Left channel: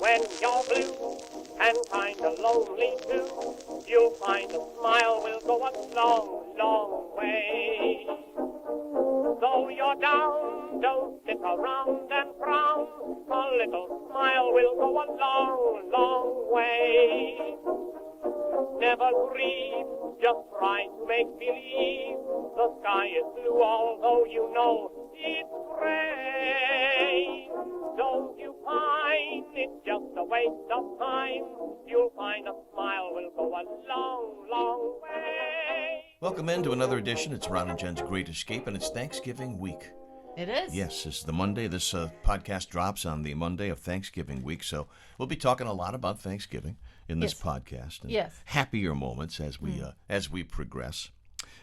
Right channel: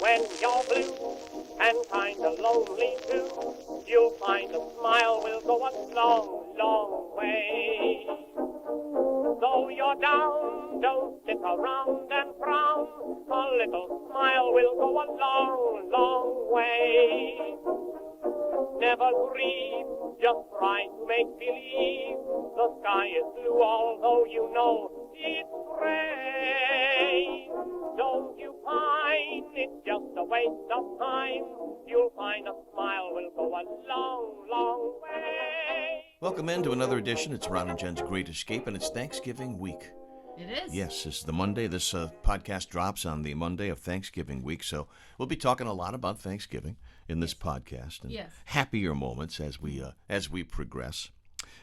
When you're blue and kinda lonely too, you'll find a smile will go a long, long way. Though you're down, don't sit around and frown. A little smile will go a long, long way. Never grieve, just try to make believe the sky is blue, although you know it's gray. Don't you find it's just a waste of time? You'll find a smile will go a long, long way. Welcome into another edition. It's Ron and Jen's Great Escape, and it's Thanksgiving week. It is. Yes, this is the Monday. This podcast drops on the Monday of Thanksgiving week, so we'll be talking a lot about Thanksgiving in this podcast and happier moments as we progress.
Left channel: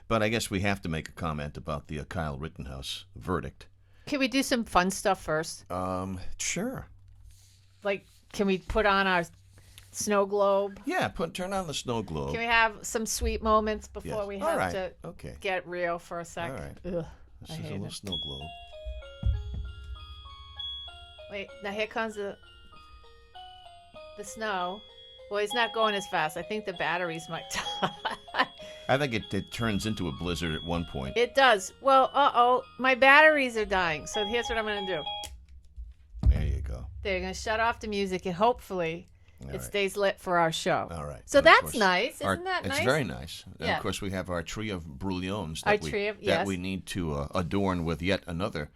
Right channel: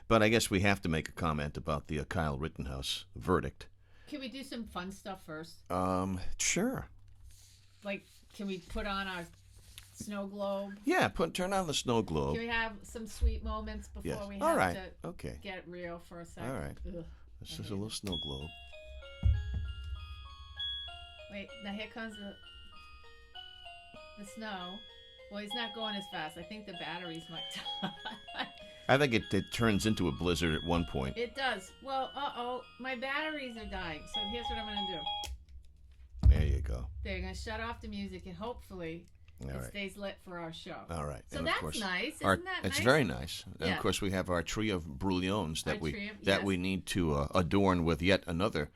But I guess we have to make a comment about the Kyle Rittenhouse verdict. Can we do some fun stuff first? Sure. Like, can we put on our snow globe? Yeah, turn on the snow globe. Can we have some sweet moments before we have to get real for a second? All right. Ugh, This is a little snow globe. Wait, now here comes the snow. Well, he's not going as fast. I think the batteries might die. I think it turns into a blizzard at one point. It does. Well, my batteries are dying. So here's what I'm going to do. There you go. They're going to shut off the music, and hopefully it stays lit for our show. All right. So that's nice. Isn't that nice? It's very nice. Yeah. And of course, we have our tree of brouillons that yes. we need to adorn with yet another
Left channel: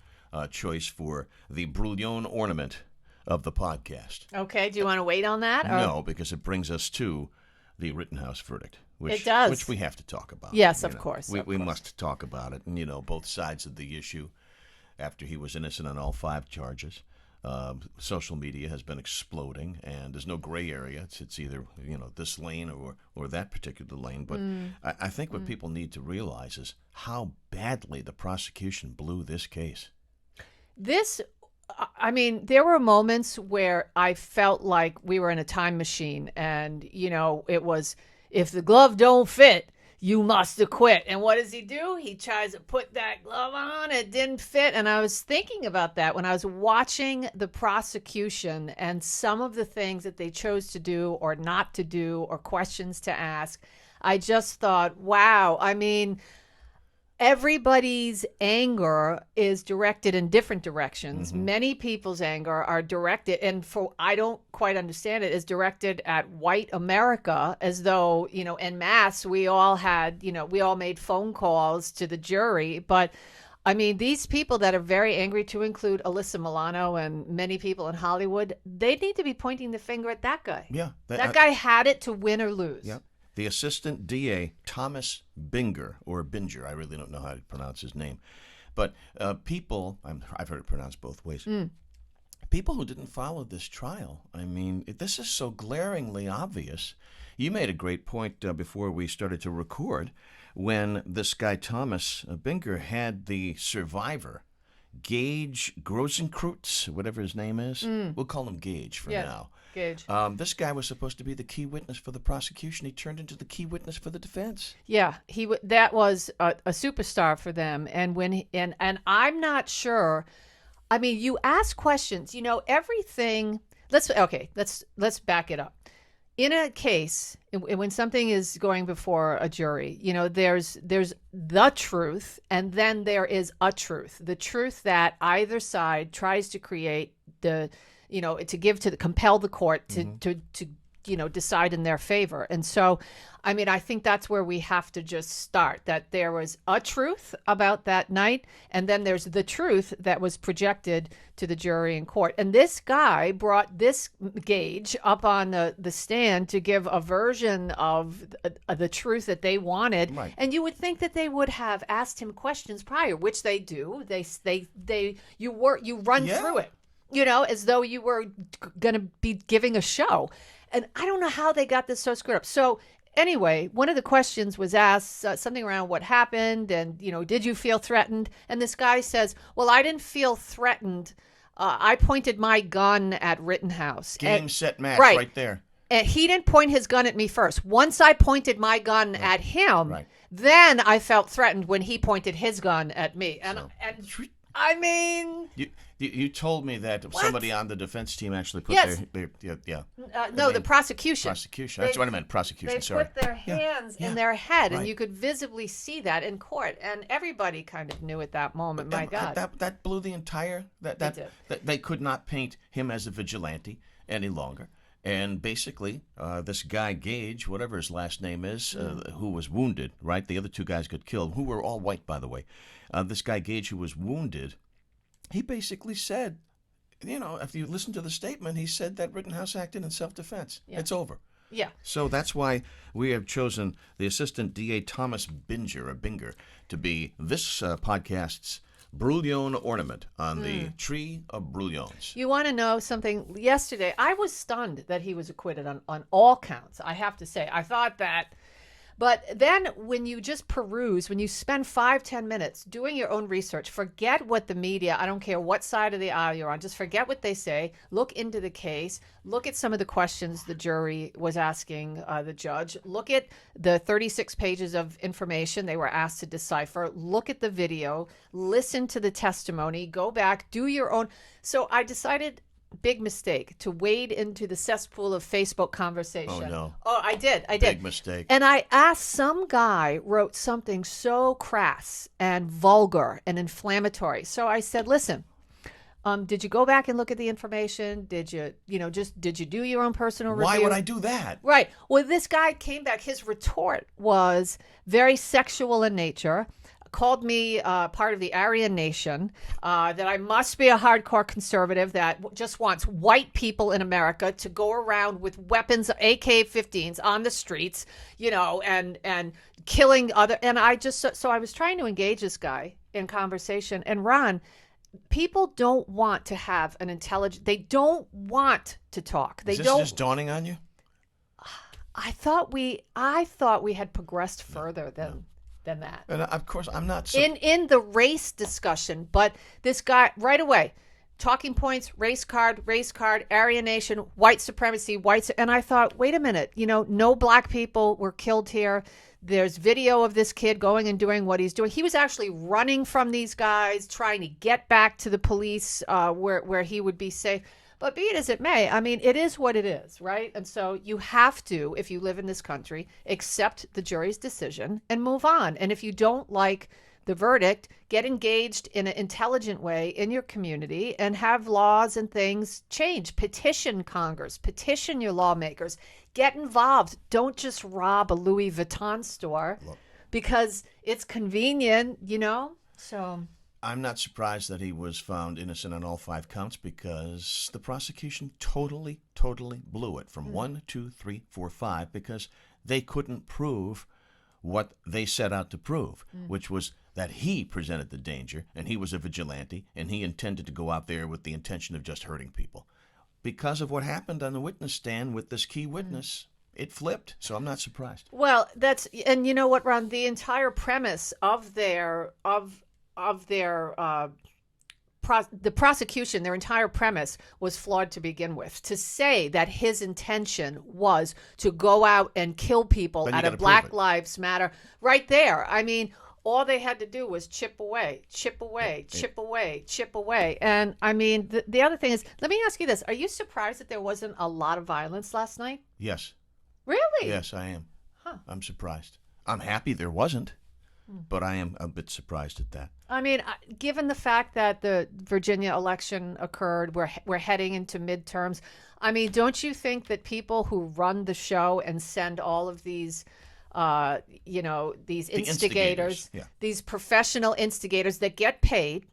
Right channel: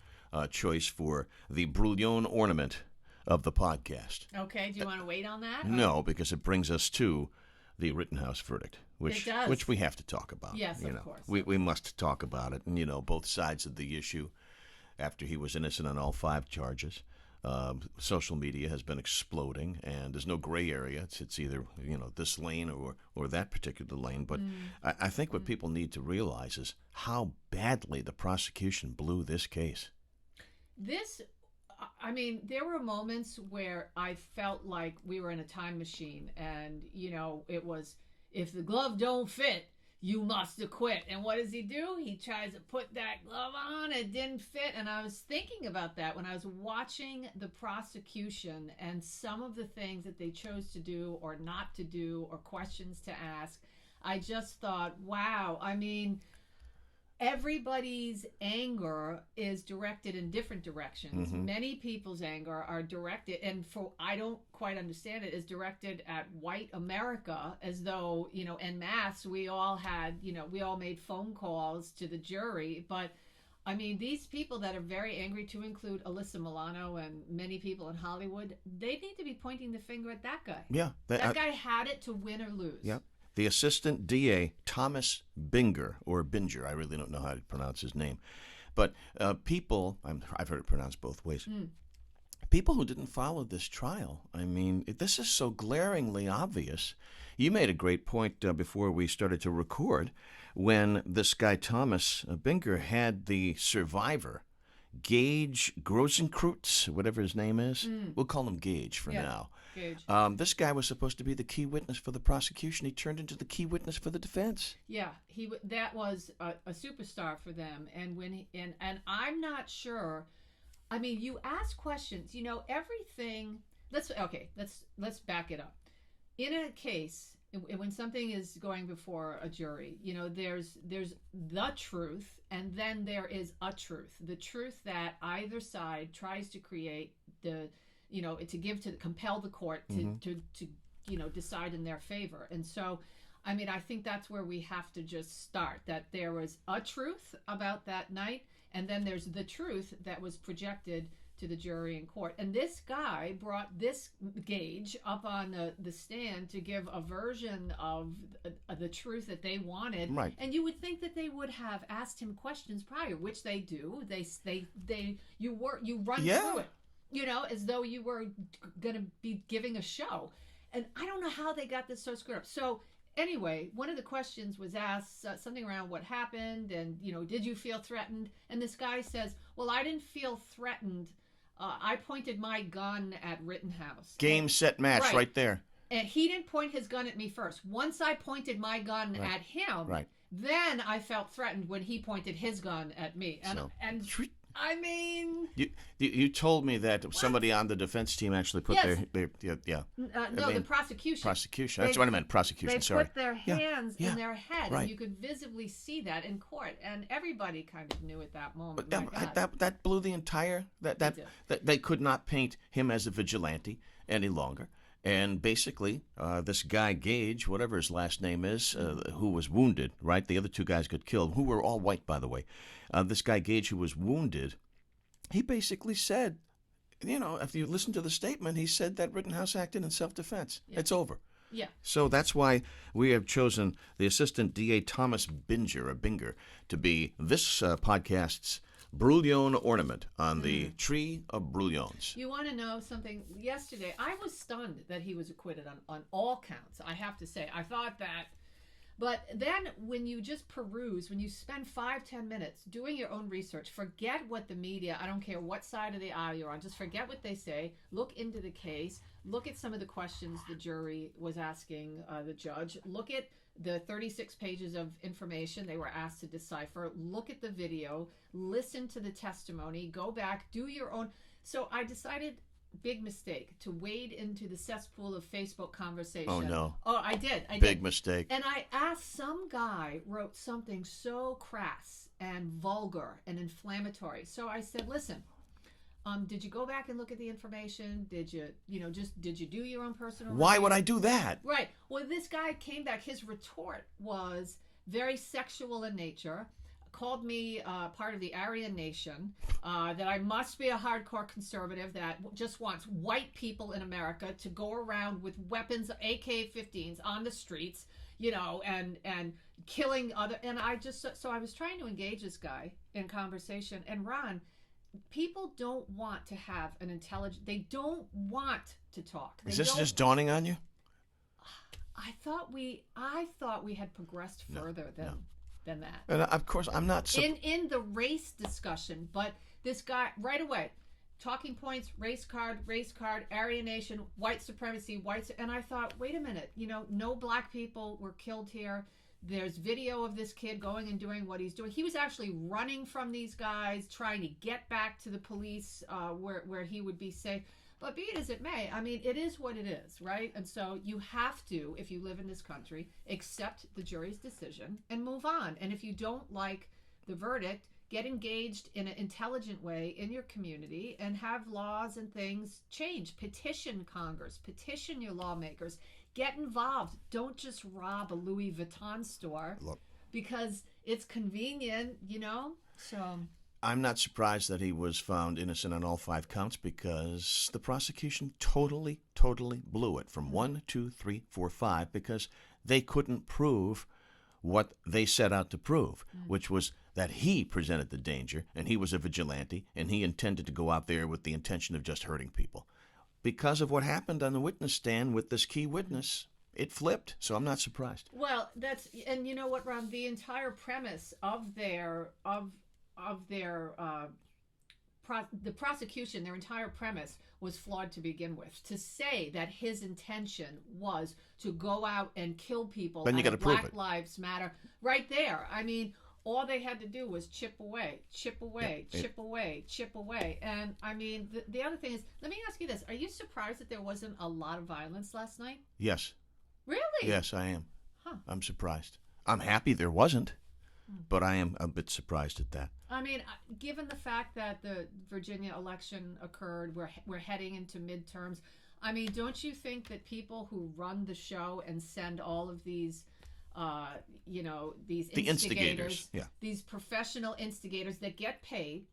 choice for the brouillon ornament of the podcast. Okay. Do you want to wait on that? No, because it brings us to the Rittenhouse verdict. It does. Which we have to talk about. Yes, of course. We must talk about it. And, both sides of the issue after he was innocent on all 5 charges. Social media has been exploding, and there's no gray area. It's either, this lane or that particular lane. But I think what people need to realize is how badly the prosecution blew this case. There were moments where I felt like we were in a time machine, and, it was, if the glove don't fit, you must acquit. And what does he do? He tries to put that glove on. It didn't fit. And I was thinking about that when I was watching the prosecution and some of the things that they chose to do or not to do or questions to ask. I just thought, wow. Everybody's anger is directed in different directions. Mm-hmm. Many people's anger are directed, and I don't quite understand it, is directed at white America, as though, en masse, we all made phone calls to the jury. But these people that are very angry, to include Alyssa Milano and many people in Hollywood, they need to be pointing the finger at that guy. Yeah. That guy had it to win or lose. Yeah. The assistant DA, Thomas Binger, or Binger, I really don't know how to pronounce his name. But people, I've heard it pronounced both ways, people who didn't follow this trial, this is so glaringly obvious. You made a great point before we started to record when this guy, Thomas Binger, had the survivor, Gage Grosenkreutz, whatever his name is. We'll call him Gage for now. Gage. This guy was supposed to be the key witness for the prosecution. He turned into the key witness for the defense. Yeah, that was a superstar for them. And and I'm not sure. You ask questions. Everything. Let's back it up. In a case, when something is going before a jury, there's the truth, and then there is a truth. The truth that either side tries to create, compel the court to decide in their favor. And so, I think that's where we have to just start, that there was a truth about that night, and then there's the truth that was projected to the jury in court. And this guy brought this Gage up on the stand to give a version of the truth that they wanted. Right. And you would think that they would have asked him questions prior, which they do. You run through it, as though you were going to be giving a show. And I don't know how they got this so screwed up. So anyway, one of the questions was asked something around what happened and, did you feel threatened? And this guy says, well, I didn't feel threatened. I pointed my gun at Rittenhouse. Game, set, match, right there. And he didn't point his gun at me first. Once I pointed my gun at him, then I felt threatened when he pointed his gun at me. And I mean, You told me that somebody on the defense team actually put Yes. their no, the prosecution. prosecution. That's what I meant. Prosecution. They Sorry. put their hands in their head, right. and you could visibly see that in court, and everybody kind of knew at that moment. My God, That blew the entire that they could not paint him as a vigilante any longer. And basically, this guy Gage, whatever his last name is, who was wounded, right? The other two guys got killed, who were all white, by the way. This guy Gage, who was wounded, he basically said, if you listen to the statement, he said that Rittenhouse acted in self-defense. Yeah. It's over. Yeah. So that's why we have chosen the Assistant DA Thomas Binger to be this podcast's Brouillon ornament on the tree of brouillons. You want to know something? Yesterday, I was stunned that he was acquitted on all counts, I have to say. I thought that. But then when you just peruse, when you spend 5-10 minutes doing your own research, forget what the media, I don't care what side of the aisle you're on, just forget what they say, look into the case, look at some of the questions the jury was asking the judge, look at the 36 pages of information they were asked to decipher, look at the video, listen to the testimony, go back, do your own. So I decided, big mistake, to wade into the cesspool of Facebook conversation. Oh, no. Oh, I did. Big mistake. And I asked, some guy wrote something so crass and vulgar and inflammatory. So I said, listen, did you go back and look at the information? Did you, did you do your own personal review? Why would I do that? Right. Well, this guy came back. His retort was very sexual in nature. Called me part of the Aryan Nation, that I must be a hardcore conservative that just wants white people in America to go around with weapons, AK-15s on the streets, and killing other. And I was trying to engage this guy in conversation. And Ron, people don't want to have an intelligent. They don't want to talk. Is this just dawning on you? I thought we had progressed further than that. And of course, I'm not in the race discussion, but this guy right away, talking points, race card, Aryan Nation, white supremacy, and I thought, wait a minute, no black people were killed here. There's video of this kid going and doing what he's doing. He was actually running from these guys, trying to get back to the police where he would be safe. But be it as it may, I mean, it is what it is, right? And so you have to, if you live in this country, accept the jury's decision and move on. And if you don't like the verdict, get engaged in an intelligent way in your community and have laws and things change. Petition Congress, petition your lawmakers, get involved. Don't just rob a Louis Vuitton store because it's convenient, So I'm not surprised that he was found innocent on all 5 counts because the prosecution totally blew it from 1, 2, 3, 4, 5 because they couldn't prove what they set out to prove, which was that he presented the danger and he was a vigilante and he intended to go out there with the intention of just hurting people. Because of what happened on the witness stand with this key witness, it flipped, so I'm not surprised. Well, and you know what, Ron, the entire premise of the prosecution, their entire premise was flawed to begin with. To say that his intention was to go out and kill people out of Black Lives Matter, right there. I mean, all they had to do was chip away. And I mean, the other thing is, let me ask you this. Are you surprised that there wasn't a lot of violence last night? Yes. Really? Yes, I am. Huh. I'm surprised. I'm happy there wasn't. But I am a bit surprised at that. I mean, given the fact that the Virginia election occurred, we're heading into midterms. I mean, don't you think that people who run the show and send all of these, these instigators, these professional instigators that get paid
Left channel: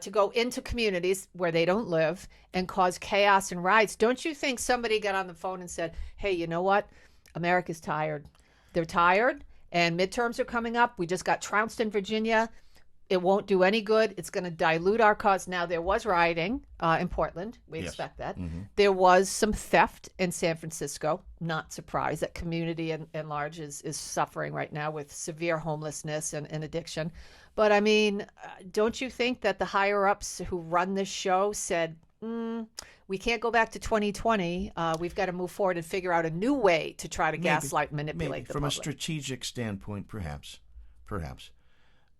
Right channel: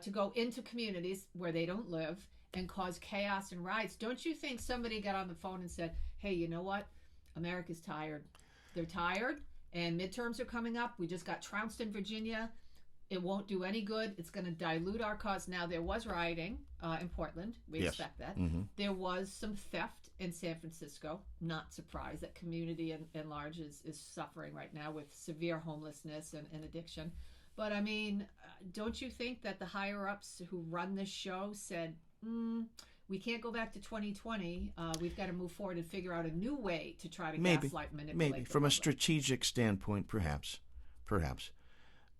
to go into communities where they don't live and cause chaos and riots, don't you think somebody got on the phone and said, hey, you know what? America's tired. They're tired. And midterms are coming up. We just got trounced in Virginia. It won't do any good. It's going to dilute our cause. Now, there was rioting in Portland. We expect that. Mm-hmm. There was some theft in San Francisco. Not surprised. That community in large is suffering right now with severe homelessness and addiction. But, I mean, don't you think that the higher-ups who run this show said, we can't go back to 2020. We've got to move forward and figure out a new way to try to gaslight and manipulate the From public. a strategic standpoint, perhaps.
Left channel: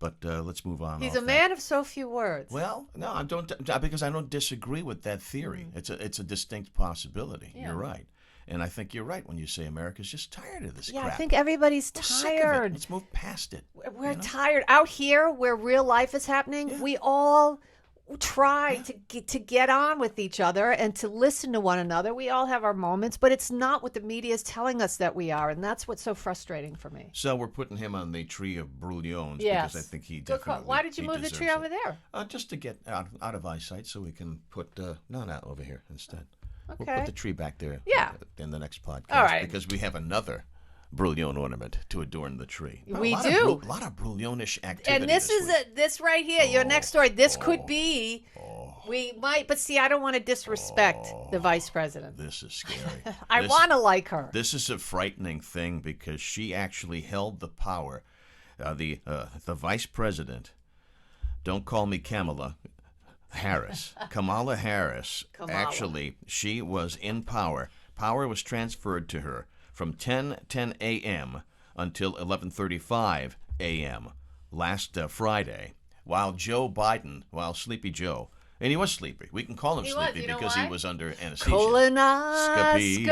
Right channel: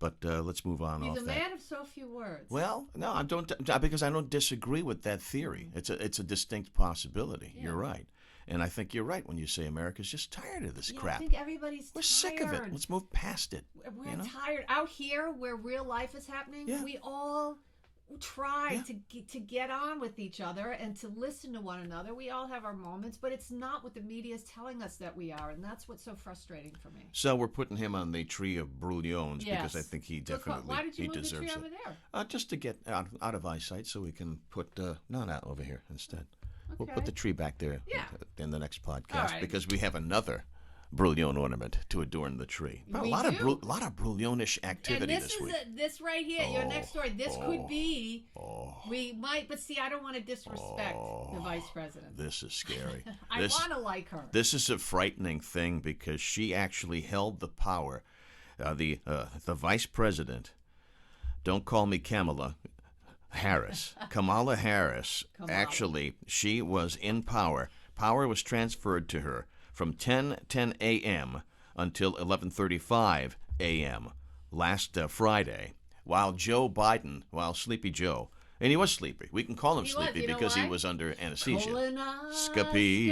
But let's move on. He's off a man of so few words. Well, no, I don't, because I don't disagree with that theory. It's a distinct possibility. Yeah. You're right. And I think you're right when you say America's just tired of this Yeah, crap. I think everybody's We're tired. sick of it. Let's move past it. We're tired. Out here, where real life is happening, we all try to get on with each other and to listen to one another. We all have our moments, but it's not what the media is telling us that we are, and that's what's so frustrating for me. So we're putting him on the tree of brouillons because I think he definitely Why did you move the tree over there? Just to get out of eyesight, so we can put not over here instead. Okay. We'll put the tree back there in the next podcast All right. because we have another brouillon ornament to adorn the tree. We a lot of brouillonish activity. And this is this right here, your next story. This could be. Oh, We might, but see, I don't want to disrespect the vice president. this is scary. I want to like her. This is a frightening thing because she actually held the power. The vice president. Don't call me Kamala Harris. Kamala Harris. Actually, she was in power. Power was transferred to her from 10:10 a.m. until 11:35 a.m. last Friday, while Sleepy Joe, and he was sleepy. We can call him sleepy because he was under anesthesia. Colonoscopy.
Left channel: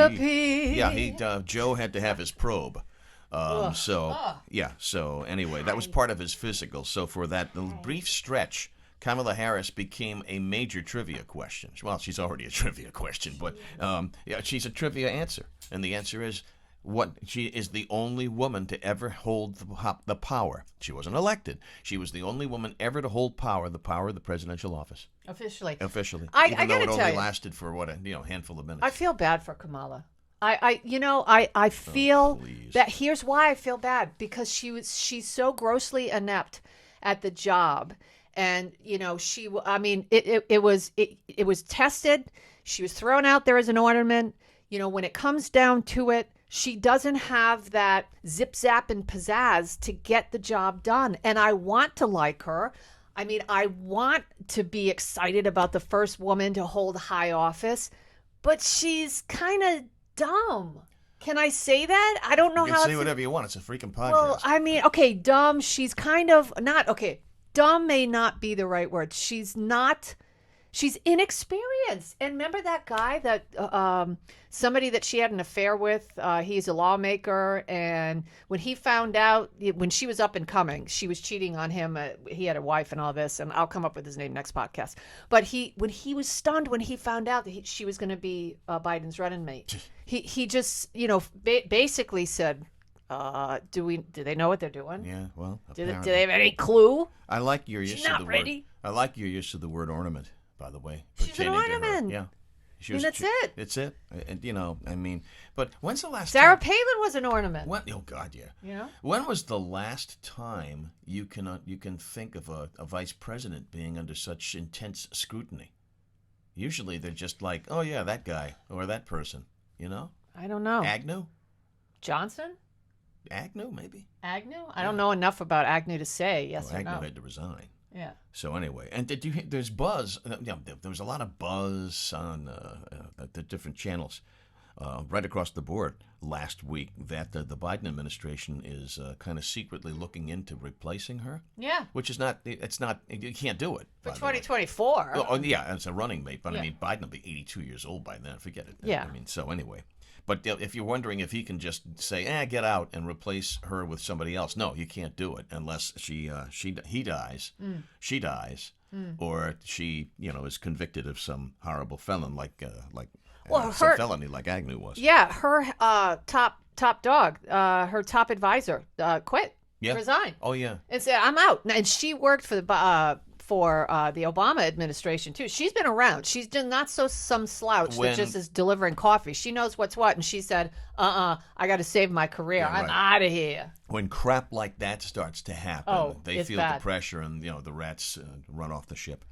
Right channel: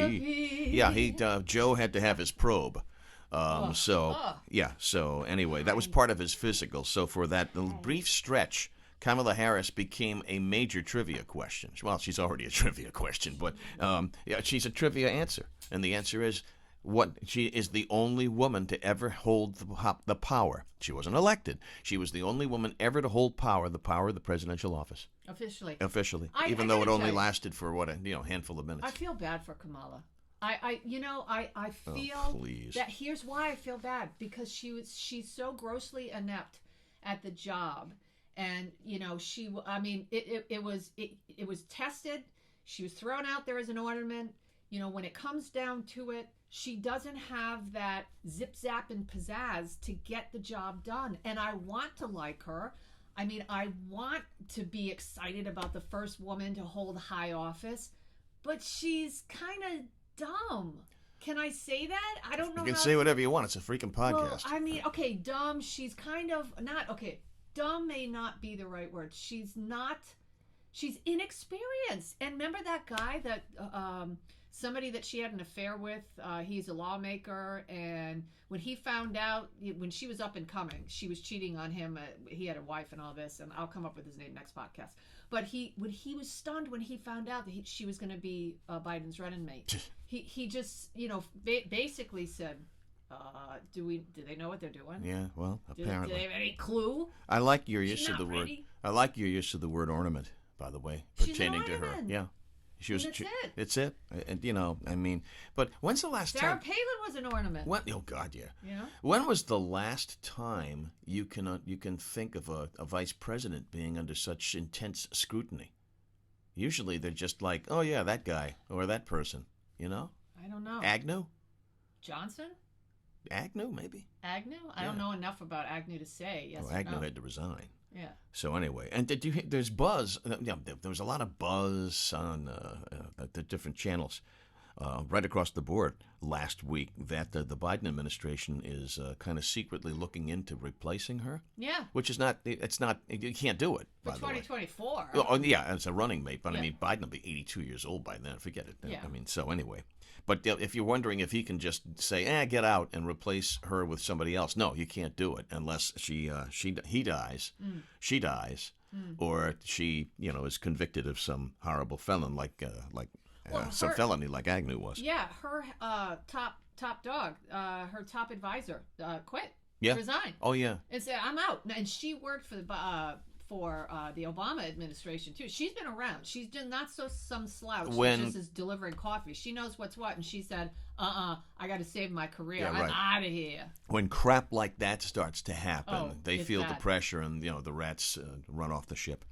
Yeah, Joe had to have his probe. So anyway, that was part of his physical. So for that brief stretch, Kamala Harris became a major trivia question. Well, she's already a trivia question, but she's a trivia answer. And the answer is, she is the only woman to ever hold the power. She wasn't elected. She was the only woman ever to hold the power of the presidential office. Officially. Even though it only lasted for a handful of minutes. I feel bad for Kamala. I feel that here's why I feel bad, because she's so grossly inept at the job. And it was tested. She was thrown out there as an ornament. When it comes down to it, she doesn't have that zip zap and pizzazz to get the job done. And I want to like her. I want to be excited about the first woman to hold high office, but she's kind of dumb. Can I say that? I don't know how. You can say whatever you want. It's a freaking podcast. Well, okay, dumb. She's kind of not okay. Dumb may not be the right word. She's inexperienced. And remember that guy that somebody that she had an affair with? He's a lawmaker, and when he found out, when she was up and coming, she was cheating on him. He had a wife and all this, and I'll come up with his name next podcast. But when he was stunned when he found out that she was going to be Biden's running mate, he just basically said, do they know what they're doing? Yeah, well, do apparently. they have any clue? I like your use of the ready? word. I like your use of the word ornament, by the way, She's an pertaining to her. ornament. Yeah, That's it. It's it. And but when's the last Sarah time? Palin was an ornament. Oh God, yeah. Yeah. When was the last time you can think of a vice president being under such intense scrutiny? Usually they're just like, oh yeah, that guy or that person. I don't know. Agnew. Johnson. Agnew, maybe. Agnew? I don't know enough about Agnew to say yes or Agnew no. had to resign. Yeah. So anyway, and did you? There's buzz. There was a lot of buzz on the different channels, right across the board last week that the Biden administration is kind of secretly looking into replacing her. Yeah. Which is not. It's not. You can't do it. For 2024. Oh yeah, as a running mate. But I mean, Biden will be 82 years old by then. Forget it. Yeah. So anyway. But if you're wondering if he can just say, get out and replace her with somebody else, no, you can't do it unless he dies, she dies, or she is convicted of some horrible felon some felony like Agnew was. Yeah, her top dog, her top advisor, quit. Yeah. Resigned. Oh yeah. And said, I'm out. And she worked for the Obama administration too. She's been around. She's not some slouch that just is delivering coffee. She knows what's what, and she said, I got to save my career. Yeah, I'm out of here. When crap like that starts to happen, they feel bad. the pressure, and the rats run off the ship.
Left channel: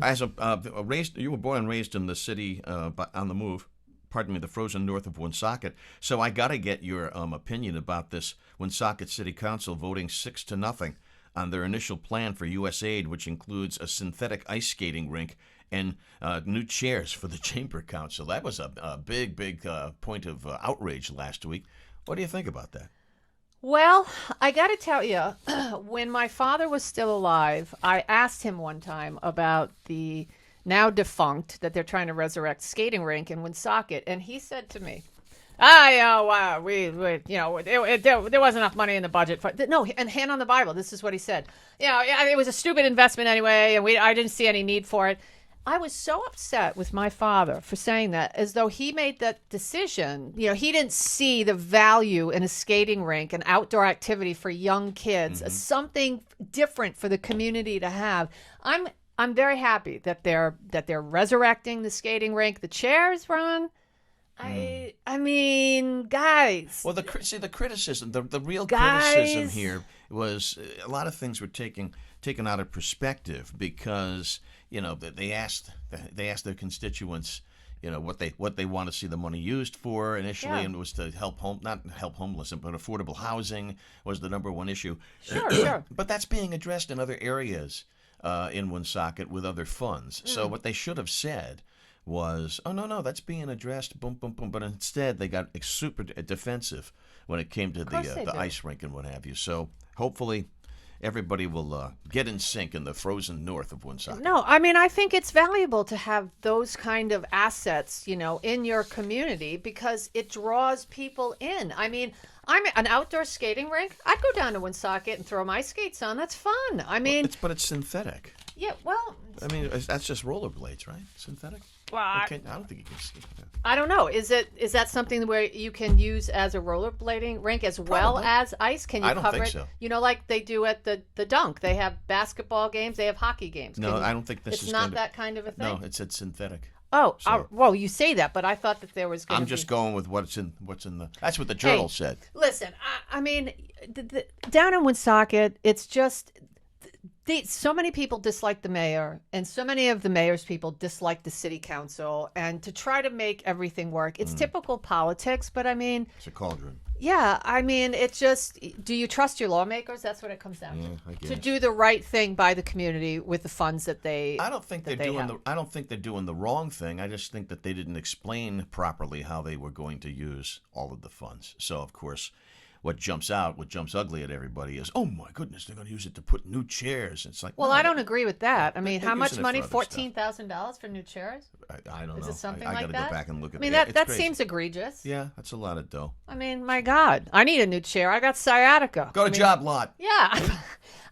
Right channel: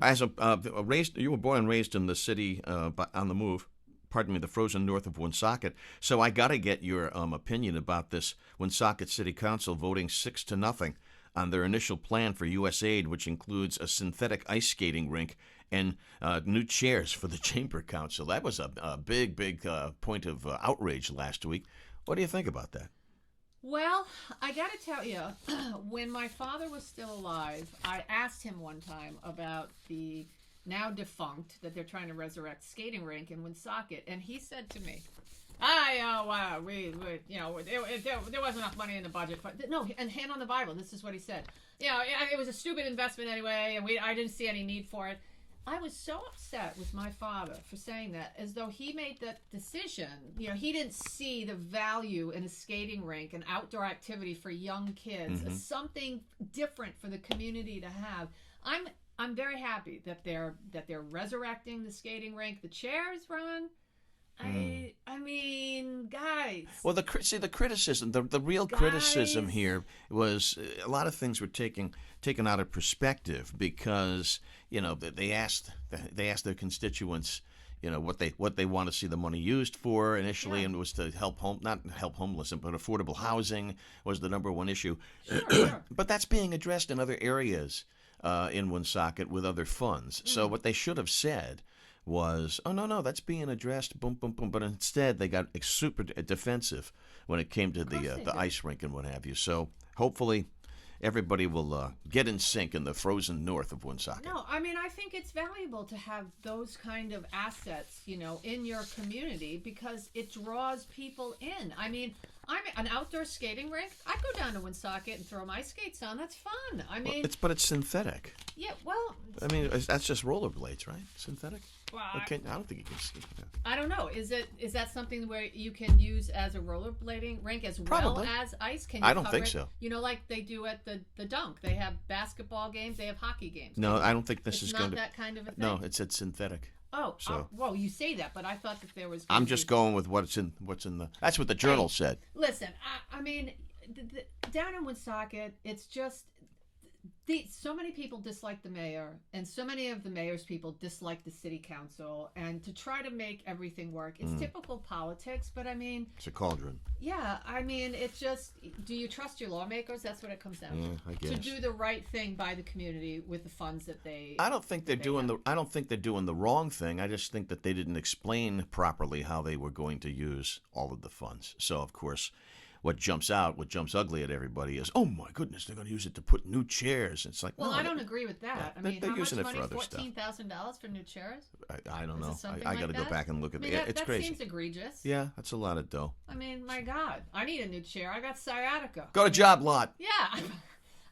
As you were born and raised in the city on the move. Pardon me, the frozen north of Woonsocket. So I got to get your opinion about this Woonsocket City Council voting 6-0 on their initial plan for U.S. aid, which includes a synthetic ice skating rink and new chairs for the Chamber Council. That was a big point of outrage last week. What do you think about that? Well, I got to tell you, when my father was still alive, I asked him one time about the now defunct that they're trying to resurrect skating rink in Woonsocket, and he said to me, there wasn't enough money in the budget for no. And hand on the Bible, this is what he said. It was a stupid investment anyway, and I didn't see any need for it. I was so upset with my father for saying that, as though he made that decision. He didn't see the value in a skating rink, an outdoor activity for young kids, as something different for the community to have. I'm very happy that they're resurrecting the skating rink. The chairs, Ron. I mean, guys. Well, the criticism, the real criticism here was a lot of things were taken out of perspective because they asked their constituents what they want to see the money used for initially, and it was to not help homeless, but affordable housing was the number one issue. Sure. But that's being addressed in other areas in Woonsocket with other funds. So what they should have said was, oh, no, that's being addressed, boom, boom, boom. But instead, they got super defensive when it came to the ice rink and what have you. So hopefully everybody will get in sync in the frozen north of Woonsocket. No, I mean, I think it's valuable to have those kind of assets, in your community because it draws people in. I mean, I'm an outdoor skating rink. I'd go down to Woonsocket and throw my skates on. That's fun. I mean, but it's synthetic. Yeah, well, I mean, that's just rollerblades, right? Synthetic. Well, I don't think you can see that. I don't know. Is that something where you can use as a rollerblading rink as well as ice? Can you? I don't cover think it? so. Like they do at the Dunk. They have basketball games. They have hockey games. No, I don't think this is not going to. that kind of a thing. No, it's synthetic. Oh, So- well, you say that, but I thought that there was. I'm just going with what's in the. That's what the journal said. Listen, I mean, down in Woonsocket, it's just. So many people dislike the mayor, and so many of the mayor's people dislike the city council. And to try to make everything work, it's typical politics. But I mean, It's a cauldron. yeah, I mean, it's just. Do you trust your lawmakers? That's what it comes down Yeah, to. I guess. To do the right thing by the community with the funds that they. I don't think they're doing the. I don't think they're doing the wrong thing. I just think that they didn't explain properly how they were going to use all of the funds. So of course, what jumps ugly at everybody is, oh my goodness, they're going to use it to put new chairs. It's like, Well, no, I don't agree with that. I mean, they're how much using it for money? other stuff. $14,000 for new chairs? I don't Is know. it something I like got to that? go back and look at I mean, it. It's that crazy. seems egregious. Yeah, that's a lot of dough. I mean, my God, I need a new chair. I got sciatica. Go to Job Lot. Yeah.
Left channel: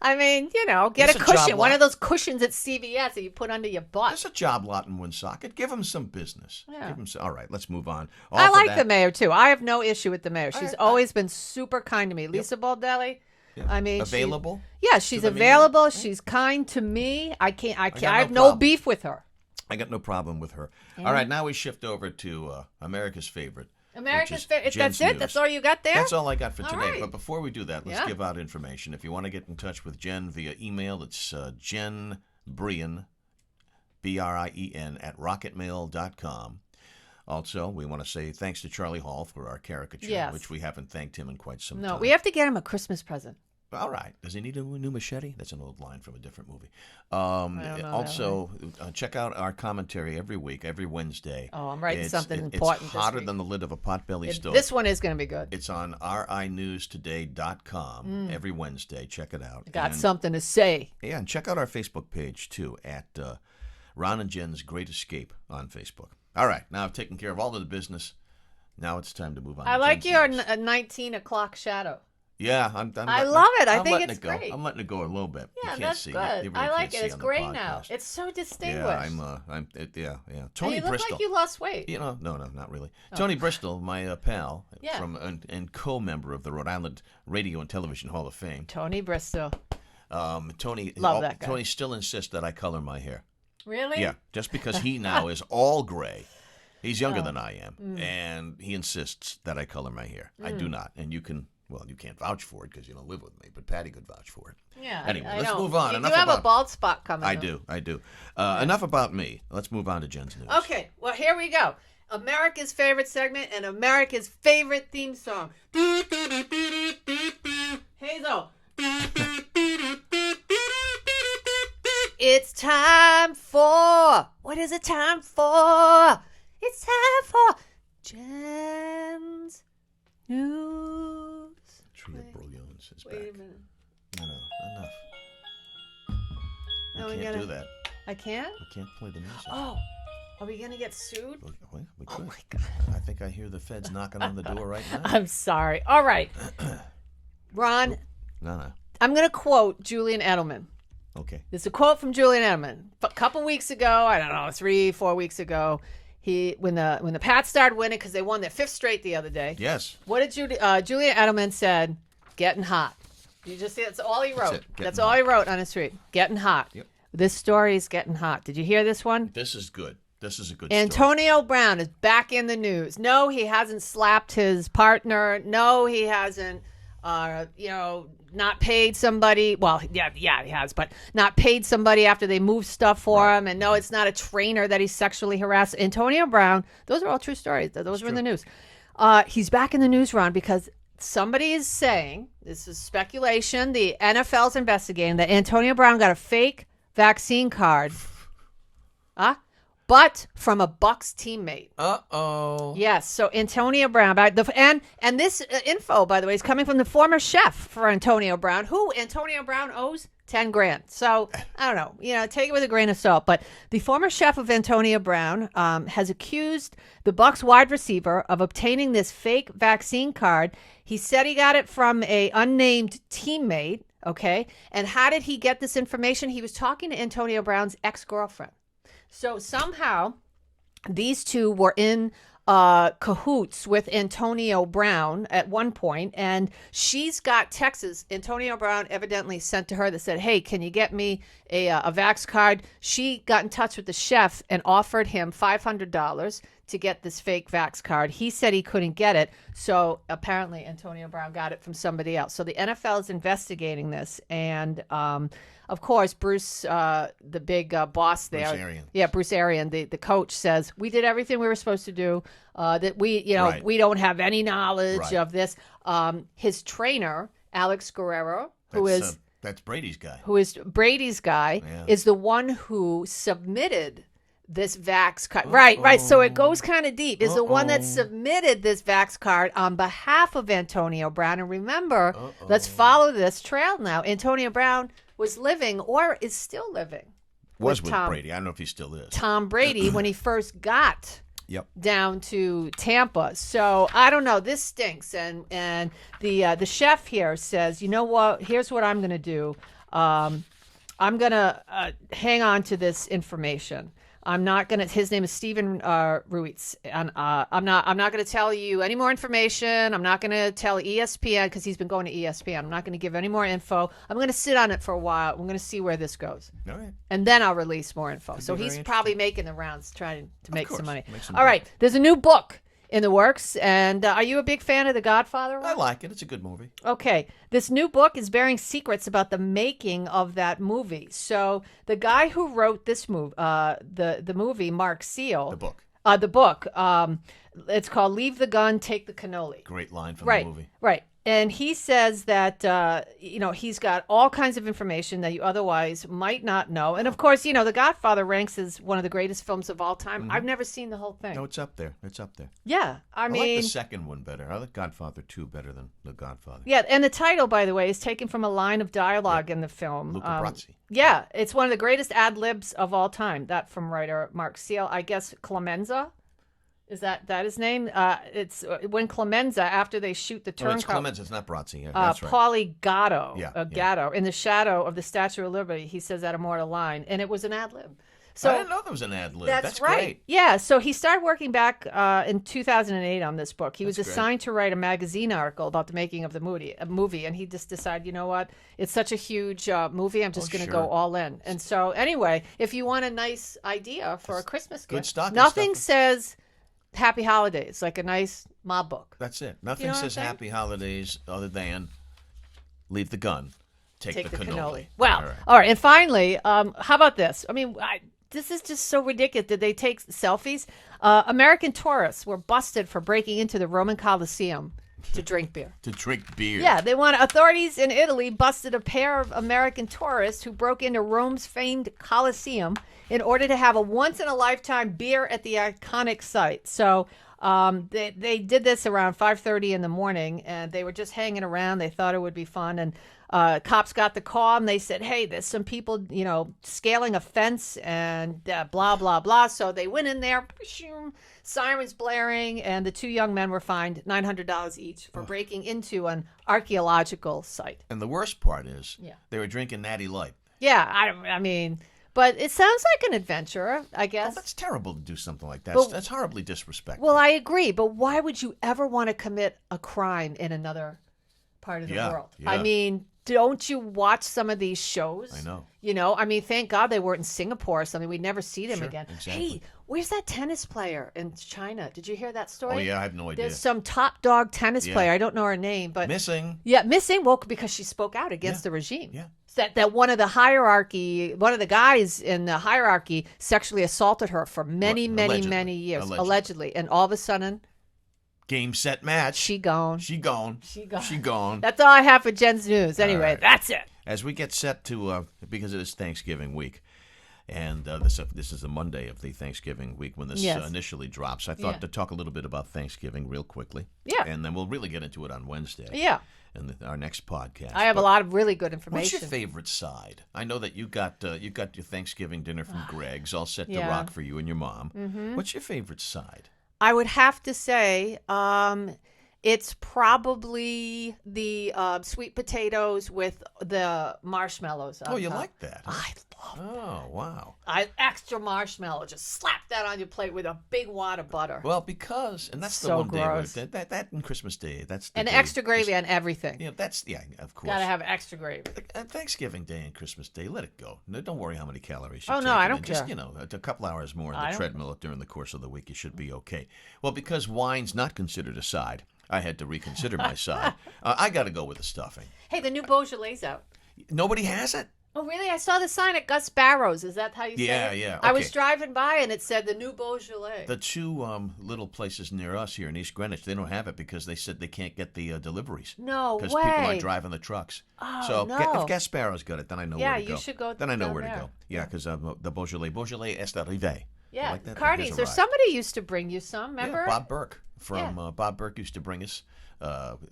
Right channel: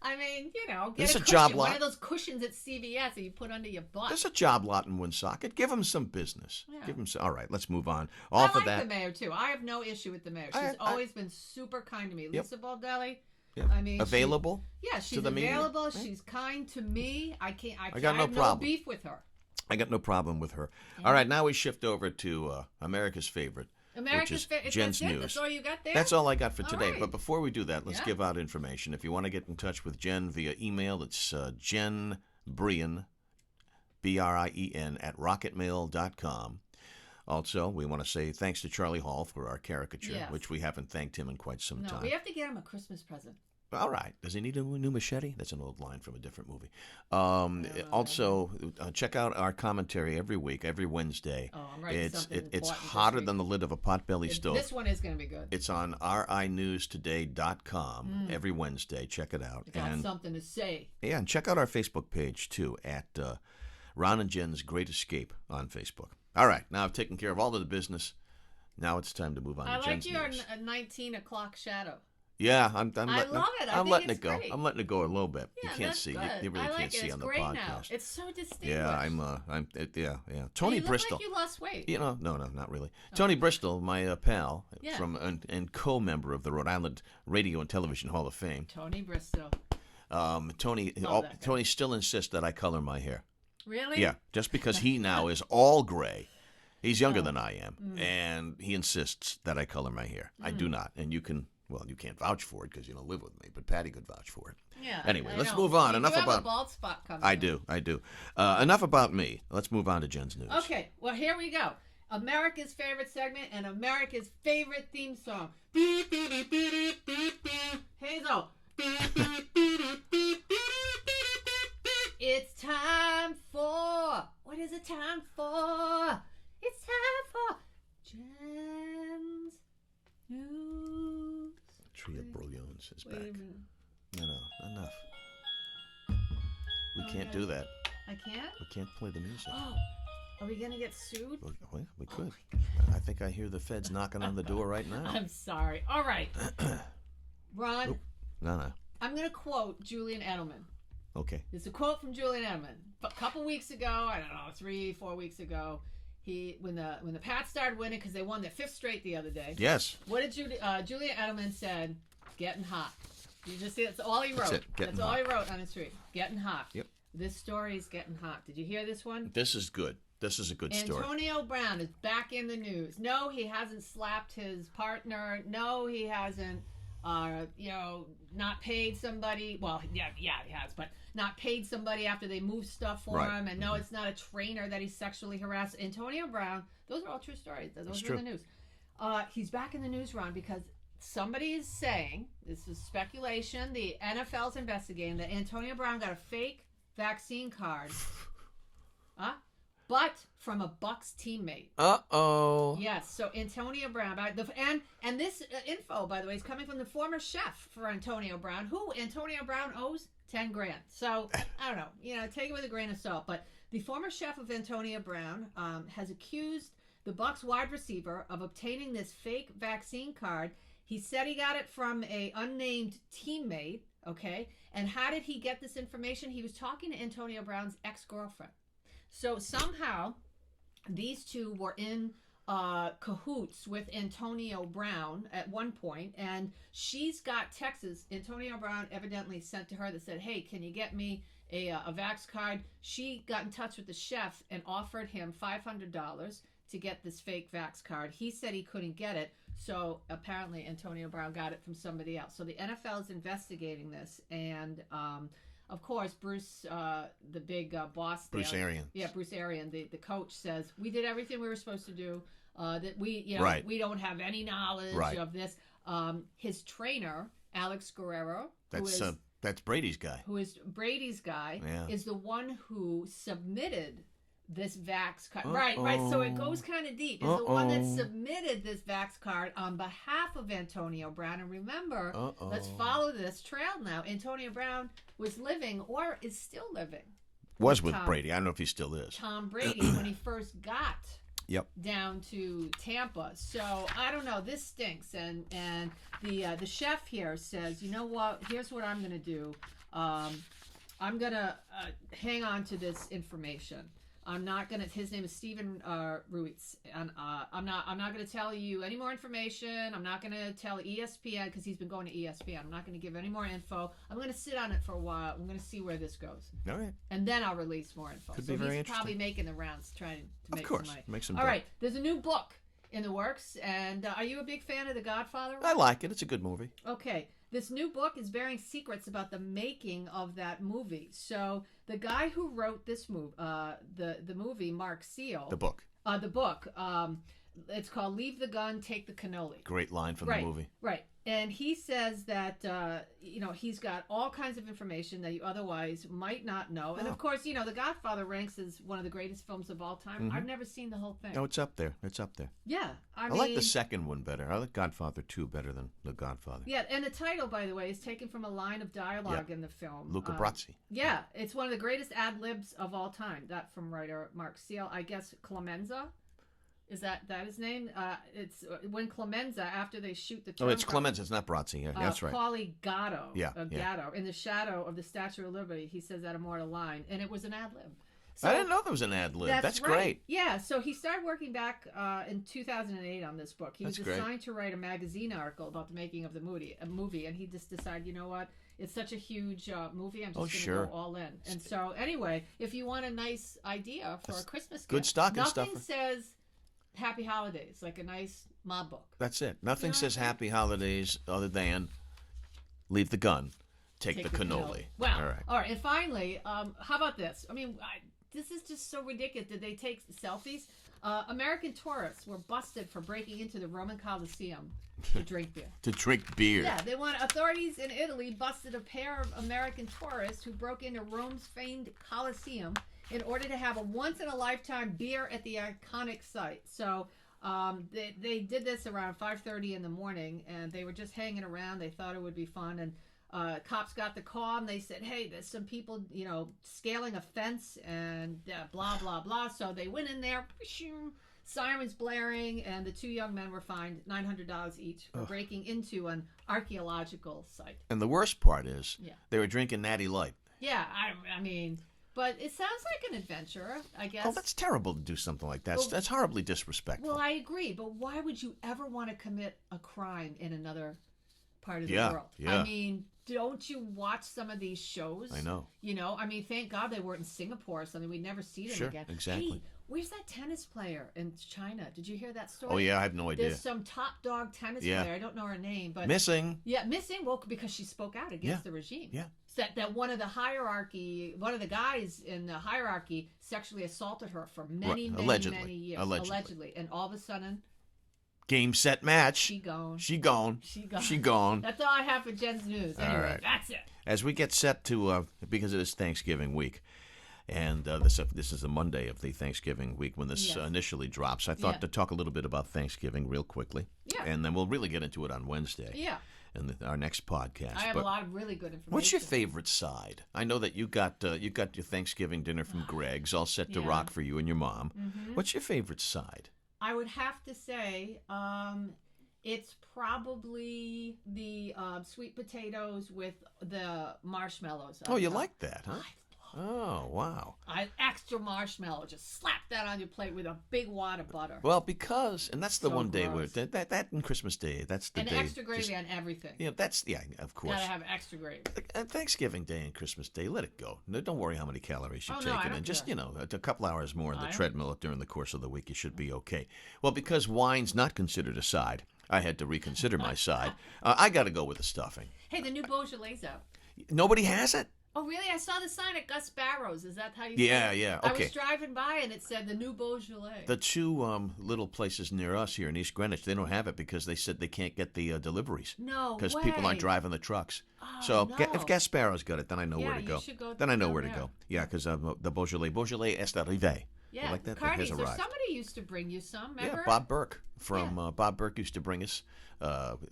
I mean, get There's a a job cushion, one lot. of those cushions at CVS that you put under your butt. There's a Job Lot in Woonsocket. Give them some business. Yeah. Give them some. All right, let's move on. I Off of like that, the mayor too. I have no issue with the mayor. She's I- always been super kind to me. Lisa Baldelli. Yeah. I mean, Available. Yeah, she's the media. available. She's kind to me. I got have no no problem. beef with her. I got no problem with her. All right, now we shift over to America's favorite. America's is favorite. Jen's That's it. News. That's all you got there. That's all I got for All today. right. But before we do that, let's Yeah. give out information. If you want to get in touch with Jen via email, it's Jen Brien, BRIEN, at rocketmail.com. Also, we want to say thanks to Charlie Hall for our caricature, Yes. which we haven't thanked him in quite some No, time. we have to get him a Christmas present. All right. Does he need a new machete? That's an old line from a different movie. know Also, check out our commentary every week, every Wednesday. Oh, I'm writing something It's important this hotter week. than the lid of a potbelly stove. This one is going to be good. It's on rinewstoday.com every Wednesday. Check it out. Got And- something to say. Yeah, and check out our Facebook page, too, at Ron and Jen's Great Escape on Facebook. All right, now I've taken care of all of the business. Now it's time to move on I to like Jen's your news. 19 o'clock shadow. Yeah, I'm I letting love it. I I'm think letting it's it go. great. I'm letting it go a little bit. Yeah, You can't that's see. good. You really I like can't it. see It's on the great podcast. now. It's so distinguished. Yeah, yeah. Tony you look Bristol. like you lost weight. No, not really. Tony Bristol, my pal, Yeah. from and co-member of the Rhode Island Radio and Television Hall of Fame. Tony Bristol. Tony, Love that guy. Tony still insists that I color my hair. Really? Yeah, just because he now is all gray. He's younger Oh. than I am, and he insists that I color my hair. I do not, and you can't vouch for it because you don't live with me, but Patty could vouch for it. Yeah. Anyway, I let's know. move on. You Enough do have about. a bald spot coming. I though. do. Enough about me. Let's move on to Jen's news. Okay, well, here we go. America's favorite segment and America's favorite theme song. Hazel. It's time for. What is it time for? It's time for Jen's News. Trio Brouillons is back. Wait a minute. No, enough. No, We can't do that. I can't? We can't play the music. Oh, are we going to get sued? Well, we could. Oh, my God. I think I hear the feds knocking on the door right now. I'm sorry. All right. Ron, No. I'm going to quote Julian Edelman. Okay. This is a quote from Julian Edelman. A couple weeks ago, I don't know, 3-4 weeks ago, when the Pats started winning because they won their 5th straight the other day. Yes. What did Julian Edelman said? Getting hot. You just see, that's all he wrote. That's all he wrote on his tweet. Getting hot. Yep. This story is getting hot. Did you hear this one? This is good. This is a good story. Antonio Brown is back in the news. No, he hasn't slapped his partner. No, he hasn't, not paid somebody. Well, yeah, he has, but not paid somebody after they moved stuff for him. And no, it's not a trainer that he sexually harassed. Antonio Brown, those are all true stories. Those were in the news. He's back in the news, Ron, because somebody is saying, this is speculation, the NFL's investigating that Antonio Brown got a fake vaccine card. But from a Bucs teammate. Uh-oh. Yes, so Antonio Brown. And this info, by the way, is coming from the former chef for Antonio Brown, who Antonio Brown owes $10,000. So, I don't know, take it with a grain of salt. But the former chef of Antonio Brown has accused the Bucs wide receiver of obtaining this fake vaccine card. He said he got it from a unnamed teammate, okay? And how did he get this information? He was talking to Antonio Brown's ex-girlfriend. So somehow these two were in cahoots with Antonio Brown at one point, and she's got texts Antonio Brown evidently sent to her that said, hey, can you get me a vax card? She got in touch with the chef and offered him $500 to get this fake vax card. He said he couldn't get it, so apparently Antonio Brown got it from somebody else. So the NFL is investigating this, and of course, Bruce, the big boss there. Bruce Arians. Yeah, Bruce Arians, the coach, says, we did everything we were supposed to do, that we, we don't have any knowledge of this. His trainer, Alex Guerrero, that's Brady's guy. Who is Brady's guy, is the one who submitted this vax card. Right. So it goes kind of deep. Is the one that submitted this vax card on behalf of Antonio Brown. And remember, let's follow this trail now. Antonio Brown was living, or is still living. Was with Brady. I don't know if he still is. Tom Brady when he first got down to Tampa. So I don't know. This stinks. And the chef here says, you know what? Here's what I'm going to do. I'm going to hang on to this information. I'm not gonna. His name is Stephen Ruiz, and I'm not gonna tell you any more information. I'm not gonna tell ESPN because he's been going to ESPN. I'm not gonna give any more info. I'm gonna sit on it for a while. I'm gonna see where this goes. All right. And then I'll release more info. So he's probably making the rounds, trying to make some money. All right. There's a new book in the works, and are you a big fan of The Godfather? I like it. It's a good movie. Okay. This new book is bearing secrets about the making of that movie. So the guy who wrote this movie, the movie, Mark Seal. The book. It's called Leave the Gun, Take the Cannoli. Great line from the movie. Right. And he says that, he's got all kinds of information that you otherwise might not know. And, of course, The Godfather ranks as one of the greatest films of all time. Mm-hmm. I've never seen the whole thing. No, it's up there. Yeah. I mean, like the second one better. I like Godfather 2 better than The Godfather. Yeah, and the title, by the way, is taken from a line of dialogue in the film. Luca Brasi. Yeah, it's one of the greatest ad-libs of all time. That from writer Mark Seal. I guess Clemenza. Is that his name? It's when Clemenza, after they shoot the turncoat. It's Clemenza. It's not Brazzi. Yeah, that's right. Paulie Gatto. Gatto. In the shadow of the Statue of Liberty, he says that immortal line, and it was an ad lib. So, I didn't know there was an ad lib. That's right. Great. Yeah. So he started working back in 2008 on this book. He was assigned to write a magazine article about the making of the movie, and he just decided, you know what? It's such a huge movie. I'm just going to go all in. And so, anyway, if you want a nice idea for a Christmas gift, good stocking nothing says Happy Holidays, like a nice mob book. That's it. Nothing says Happy Holidays other than leave the gun, take the cannoli. Well, all right. And finally, how about this? I mean, this is just so ridiculous. Did they take selfies? American tourists were busted for breaking into the Roman Colosseum to drink beer. To drink beer. Yeah, authorities in Italy busted a pair of American tourists who broke into Rome's famed Colosseum in order to have a once-in-a-lifetime beer at the iconic site. So They did this around 5:30 in the morning, and they were just hanging around. They thought it would be fun, and cops got the call, and they said, "Hey, there's some people, scaling a fence, and blah blah blah." So they went in there, sirens blaring, and the two young men were fined $900 each for breaking into an archaeological site. And the worst part is, they were drinking Natty Light. Yeah, I mean. But it sounds like an adventure, I guess. Oh, that's terrible to do something like that. That's horribly disrespectful. Well, I agree. But why would you ever want to commit a crime in another part of the world? Yeah. I mean, don't you watch some of these shows? I know. I mean, thank God they weren't in Singapore or something. We'd never see them again. Exactly. Hey, where's that tennis player in China? Did you hear that story? Oh, yeah, I have no idea. There's some top dog tennis player. I don't know her name. But missing. Yeah, missing. Well, because she spoke out against the regime. Yeah. That one of the guys in the hierarchy sexually assaulted her for many years. Allegedly. And all of a sudden, game, set, match. She gone. That's all I have for Jen's News. Anyway, that's it. As we get set to, because it is Thanksgiving week, and this is the Monday of the Thanksgiving week when this initially drops, I thought to talk a little bit about Thanksgiving real quickly. Yeah. And then we'll really get into it on Wednesday. Yeah. In our next podcast. I have a lot of really good information. What's your favorite side? I know that you got your Thanksgiving dinner from Greg's, all set to rock for you and your mom. Mm-hmm. What's your favorite side? I would have to say it's probably the sweet potatoes with the marshmallows. Oh, you like that? Huh? I love it. Oh, wow. Extra marshmallow. Just slap that on your plate with a big wad of butter. Well, because, and that's the one gross. Day where, that and Christmas Day, that's the and day. extra gravy on everything. Yeah, of course. Gotta have extra gravy. Thanksgiving Day and Christmas Day, let it go. No, don't worry how many calories you take. No, I don't care. Just, a couple hours more on the treadmill during the course of the week, you should be okay. Well, because wine's not considered a side, I had to reconsider my side. I got to go with the stuffing. Hey, the new Beaujolais out. Nobody has it? Oh, really? I saw the sign at Gus Barrow's. Is that how you say it? Yeah. Okay. I was driving by and it said the new Beaujolais. The two little places near us here in East Greenwich, they don't have it because they said they can't get the deliveries. No way. Because people aren't driving the trucks. Oh, so no. If Gus Barrow's got it, then I know where to go. You should go. Then I know where to go. Yeah, because the Beaujolais est arrivé. Yeah, like that? Cardi's. Or somebody used to bring you some, remember? Yeah, Bob Burke Bob Burke used to bring us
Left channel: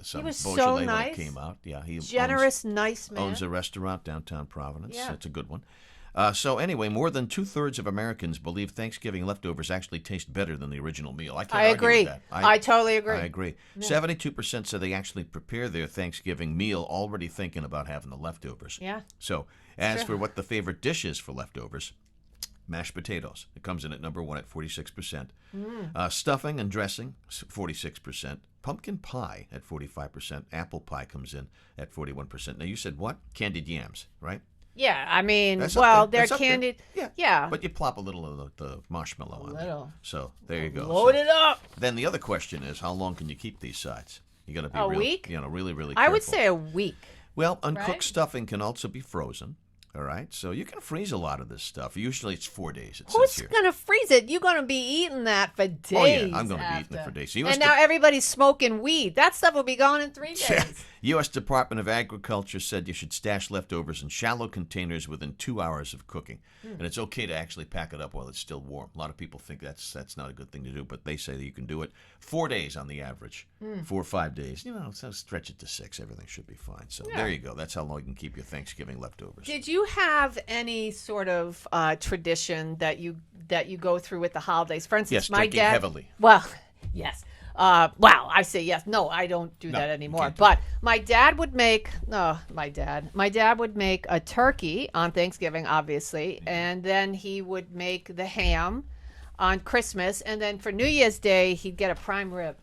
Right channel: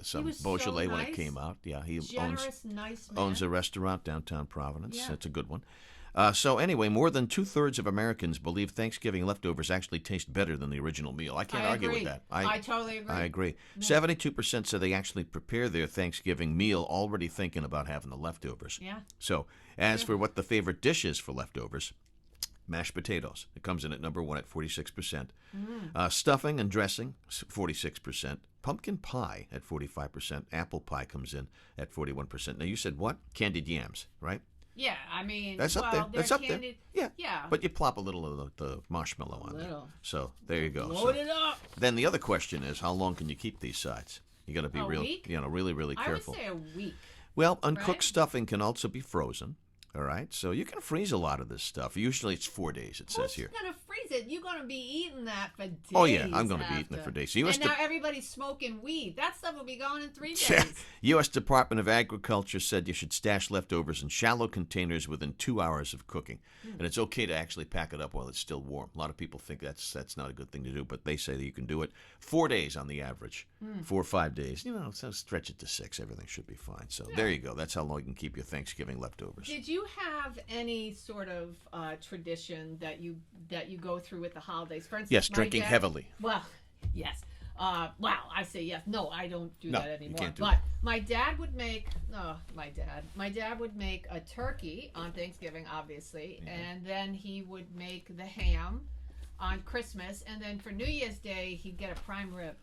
some Beaujolais when it came out. Yeah, he nice man. Owns a restaurant downtown Providence. Yeah. That's a good one. So anyway, more than 2/3 of Americans believe Thanksgiving leftovers actually taste better than the original meal. I can't argue with that. I totally agree. I agree. 72% say they actually prepare their Thanksgiving meal already thinking about having the leftovers. Yeah. So as for what the favorite dish is for leftovers, mashed potatoes. It comes in at number 1 at 46%. Stuffing and dressing, 46%. Pumpkin pie at 45%. Apple pie comes in at 41%. Now, you said what? Candied yams, right? Yeah, I mean, they're candied. Yeah. But you plop a little of the marshmallow on there. So there you go. Load it up. Then the other question is, how long can you keep these sides? You got to be week? Really, really careful. I would say a week. Well, uncooked stuffing can also be frozen. All right, so you can freeze a lot of this stuff. Usually it's 4 days, it says here. Who's going to freeze it? You're going to be eating that for days. Oh, yeah, I'm going to be eating it for days. So now everybody's smoking weed. That stuff will be gone in 3 days. U.S. Department of Agriculture said you should stash leftovers in shallow containers within 2 hours of cooking. And it's okay to actually pack it up while it's still warm. A lot of people think that's not a good thing to do, but they say that you can do it 4 days on the average. 4 or 5 days. So stretch it to 6. Everything should be fine. So there you go. That's how long you can keep your Thanksgiving leftovers. Did you have any sort of tradition that you go through with the holidays? For instance, yes, drinking heavily. Well, yes. I say yes. No, I don't do that anymore. But my dad would make a turkey on Thanksgiving, obviously, and then he would make the ham on Christmas, and then for New Year's Day he'd get a prime rib.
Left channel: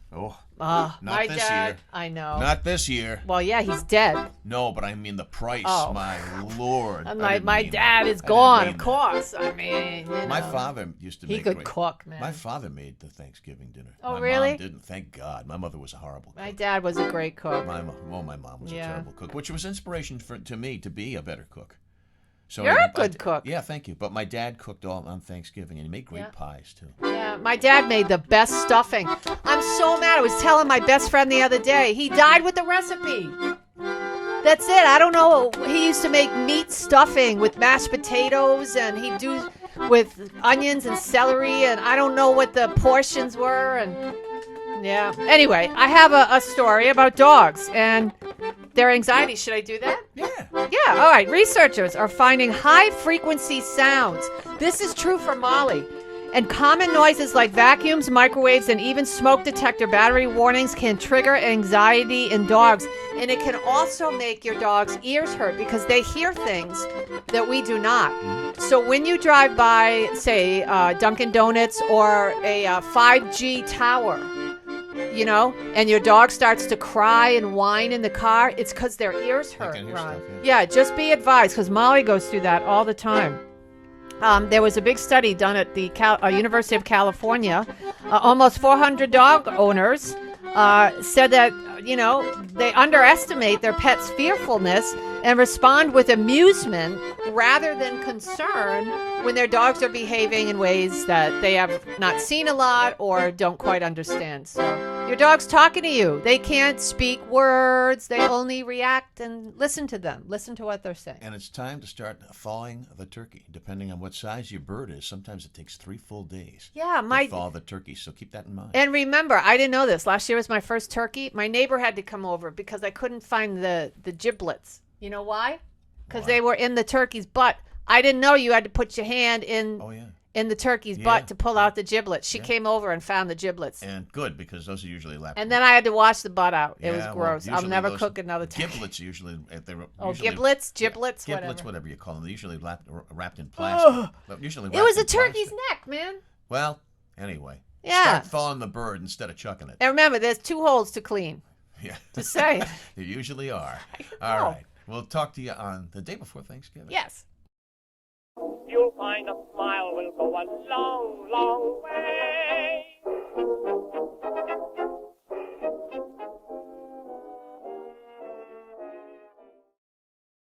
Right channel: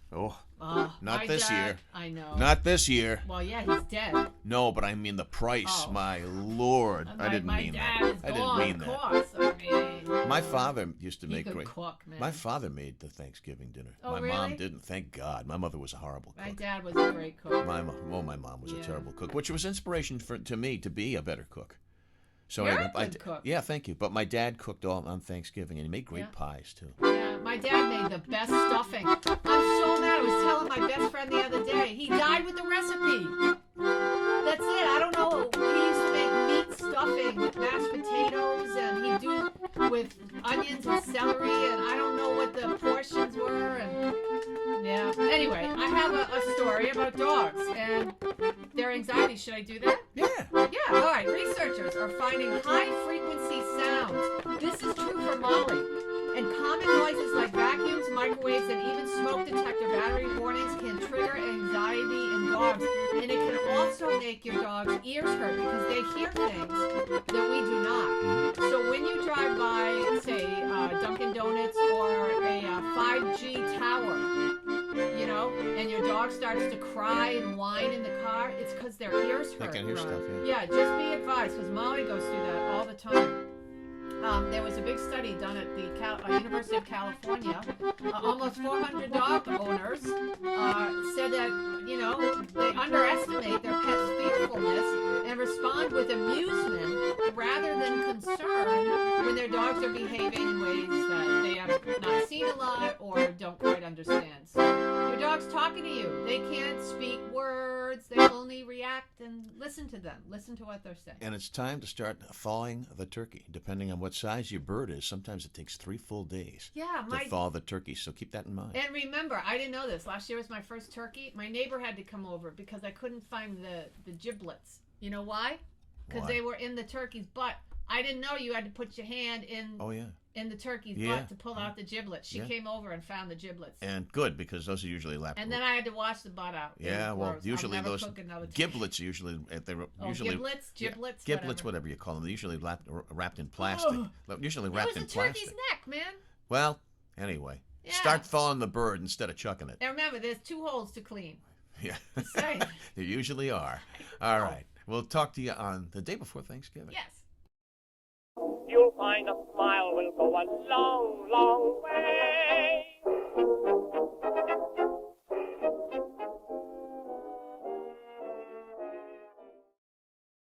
Not this year. I know. Not this year. Well, yeah, he's dead. No, but I mean the price. Oh. My Lord. My dad is gone, of course. I mean, my father used to make. He could cook, man. My father made the Thanksgiving dinner. Oh, my really? mom didn't. Thank God. My mother was a horrible cook. My dad was a great cook. My mom was a terrible cook, which was inspiration to me to be a better cook. So You're a good cook. Yeah, thank you. But my dad cooked all on Thanksgiving, and he made great pies, too. Yeah, my dad made the best stuffing. I'm so mad. I was telling my best friend the other day. He died with the recipe. That's it. I don't know. He used to make meat stuffing with mashed potatoes, and he'd do with onions and celery, and I don't know what the portions were. And yeah. Anyway, I have a story about dogs and their anxiety. Should I do that? Yeah. Yeah, all right. Researchers are finding high-frequency sounds. This is true for Molly. And common noises like vacuums, microwaves, and even smoke detector battery warnings can trigger anxiety in dogs. And it can also make your dog's ears hurt because they hear things that we do not. So when you drive by, say, Dunkin' Donuts or a 5G tower, you know, and your dog starts to cry and whine in the car, it's because their ears hurt. They can hear stuff, Yeah, just be advised, because Molly goes through that all the time. There was a big study done at the University of California. Almost 400 dog owners said that, you know, they underestimate their pet's fearfulness and respond with amusement rather than concern when their dogs are behaving in ways that they have not seen a lot or don't quite understand. So your dog's talking to you. They can't speak words. They only react and listen to them. Listen to what they're saying. And it's time to start thawing the turkey. Depending on what size your bird is, sometimes it takes 3 full days to thaw the turkey. So keep that in mind. And remember, I didn't know this. Last year was my first turkey. My neighbor had to come over because I couldn't find the giblets. You know why? Because they were in the turkey's butt. I didn't know you had to put your hand in the turkey's butt to pull out the giblets. She came over and found the giblets. And good, because those are usually lapped. And then I had to wash the butt out. It Yeah, was gross. well, I'll never cook another time. Giblets usually, Giblets, whatever you call them. They're usually wrapped in plastic. Usually It wrapped was in a turkey's plastic. neck, man. Well, anyway, Yeah. start thawing the bird instead of chucking it. And remember, there's 2 holes to clean. Yeah, Just saying. there usually are. All right, we'll talk to you on the day before Thanksgiving. Yes. You'll find a smile will go a long, long way.